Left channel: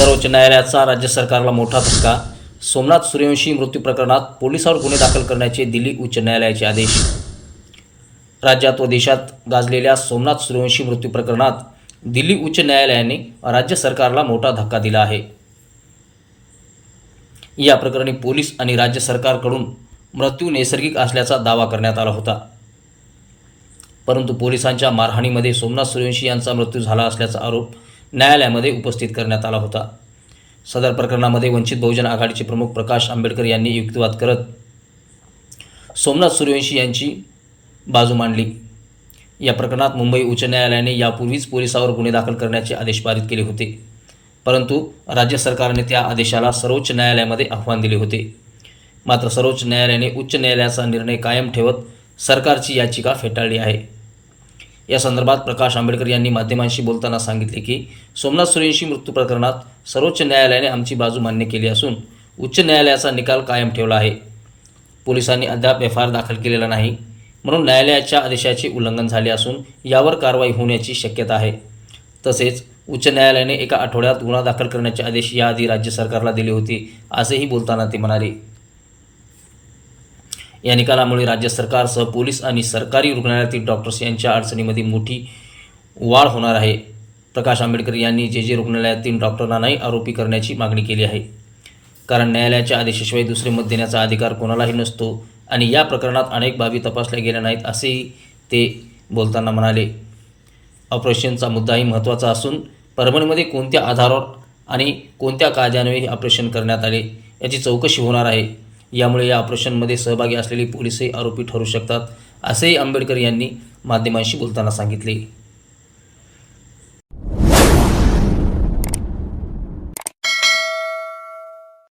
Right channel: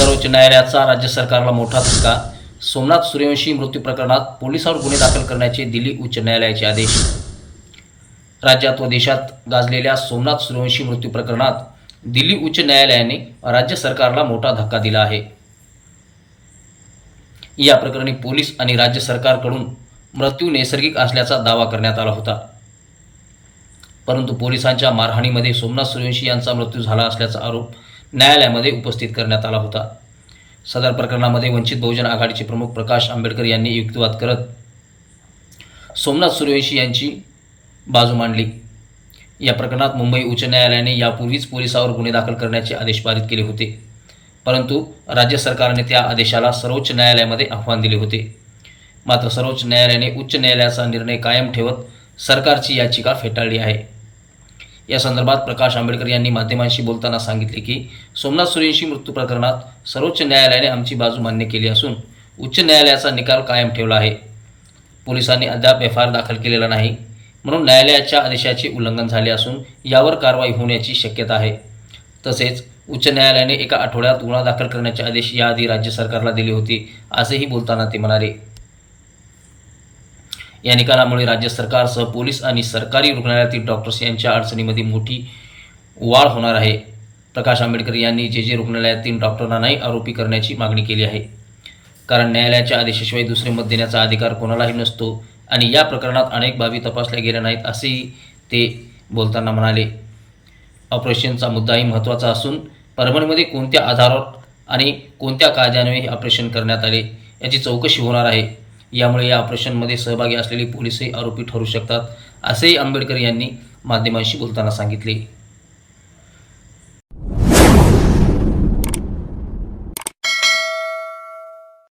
सर्वोच्च न्यायालयाचा राज्य सरकारला मोठा धक्का. सोमनाथ सूर्यवंशी मृत्यू प्रकरणात पोलिसांवर गुन्हे दाखल करण्याचे दिल्ली उच्च न्यायालयाचे आदेश. राज्यात व देशात गाजलेल्या सोमनाथ सूर्यवंशी मृत्यू प्रकरणात दिल्ली उच्च न्यायालयाने राज्य सरकारला मोठा धक्का दिला आहे. या प्रकरणी पोलीस आणि राज्य सरकारकडून मृत्यू नैसर्गिक असल्याचा दावा करण्यात आला होता. परंतु पोलिसांच्या मारहाणीमध्ये सोमनाथ सूर्यवंशी यांचा मृत्यू झाला असल्याचा आरोप न्यायालयामध्ये उपस्थित करण्यात आला होता. सदर प्रकरणामध्ये वंचित बहुजन आघाडीचे प्रमुख प्रकाश आंबेडकर यांनी युक्तिवाद करत सोमनाथ सूर्यवंशी यांची बाजू मांडली. या प्रकरणात मुंबई उच्च न्यायालयाने यापूर्वीच पोलिसावर गुन्हे दाखल करण्याचे आदेश पारित केले होते. परंतु राज्य सरकारने त्या आदेशाला सर्वोच्च न्यायालयामध्ये आव्हान दिले होते. मात्र सर्वोच्च न्यायालयाने उच्च न्यायालयाचा निर्णय कायम ठेवत सरकारची याचिका फेटाळली आहे. या संदर्भात प्रकाश आंबेडकर यांनी माध्यमांशी बोलताना सांगितले की सोमनाथ सूर्यवंशी मृत्यू प्रकरणात सर्वोच्च न्यायालयाने आमची बाजू मान्य केली असून उच्च न्यायालयाचा निकाल कायम ठेवला आहे. पोलिसांनी अद्याप एफ आय आर दाखल केलेला नाही म्हणून न्यायालयाच्या आदेशाचे उल्लंघन झाले असून यावर कारवाई होण्याची शक्यता आहे. तसेच उच्च न्यायालयाने एका आठवड्यात गुन्हा दाखल करण्याचे आदेश याआधी राज्य सरकारला दिले होते असेही बोलताना ते म्हणाले. या निकालामुळे राज्य सरकारसह पोलीस आणि सरकारी रुग्णालयातील डॉक्टर्स यांच्या अडचणीमध्ये मोठी वाढ होणार आहे. प्रकाश आंबेडकर यांनी जे जे रुग्णालयातील डॉक्टरांनाही आरोपी करण्याची मागणी केली आहे. कारण न्यायालयाच्या आदेशाशिवाय दुसरे मत देण्याचा अधिकार कोणालाही नसतो आणि या प्रकरणात अनेक बाबी तपासल्या गेल्या नाहीत असेही ते बोलताना म्हणाले. ऑपरेशनचा मुद्दाही महत्त्वाचा असून परभणीमध्ये कोणत्या आधारावर आणि कोणत्या कायद्यान्वये हे ऑपरेशन करण्यात आले याची चौकशी होणार आहे. यामुळे या ऑपरेशनमध्ये सहभागी असलेले पोलीसही आरोपी ठरू शकतात असेही आंबेडकर यांनी माध्यमांशी बोलताना सांगितले.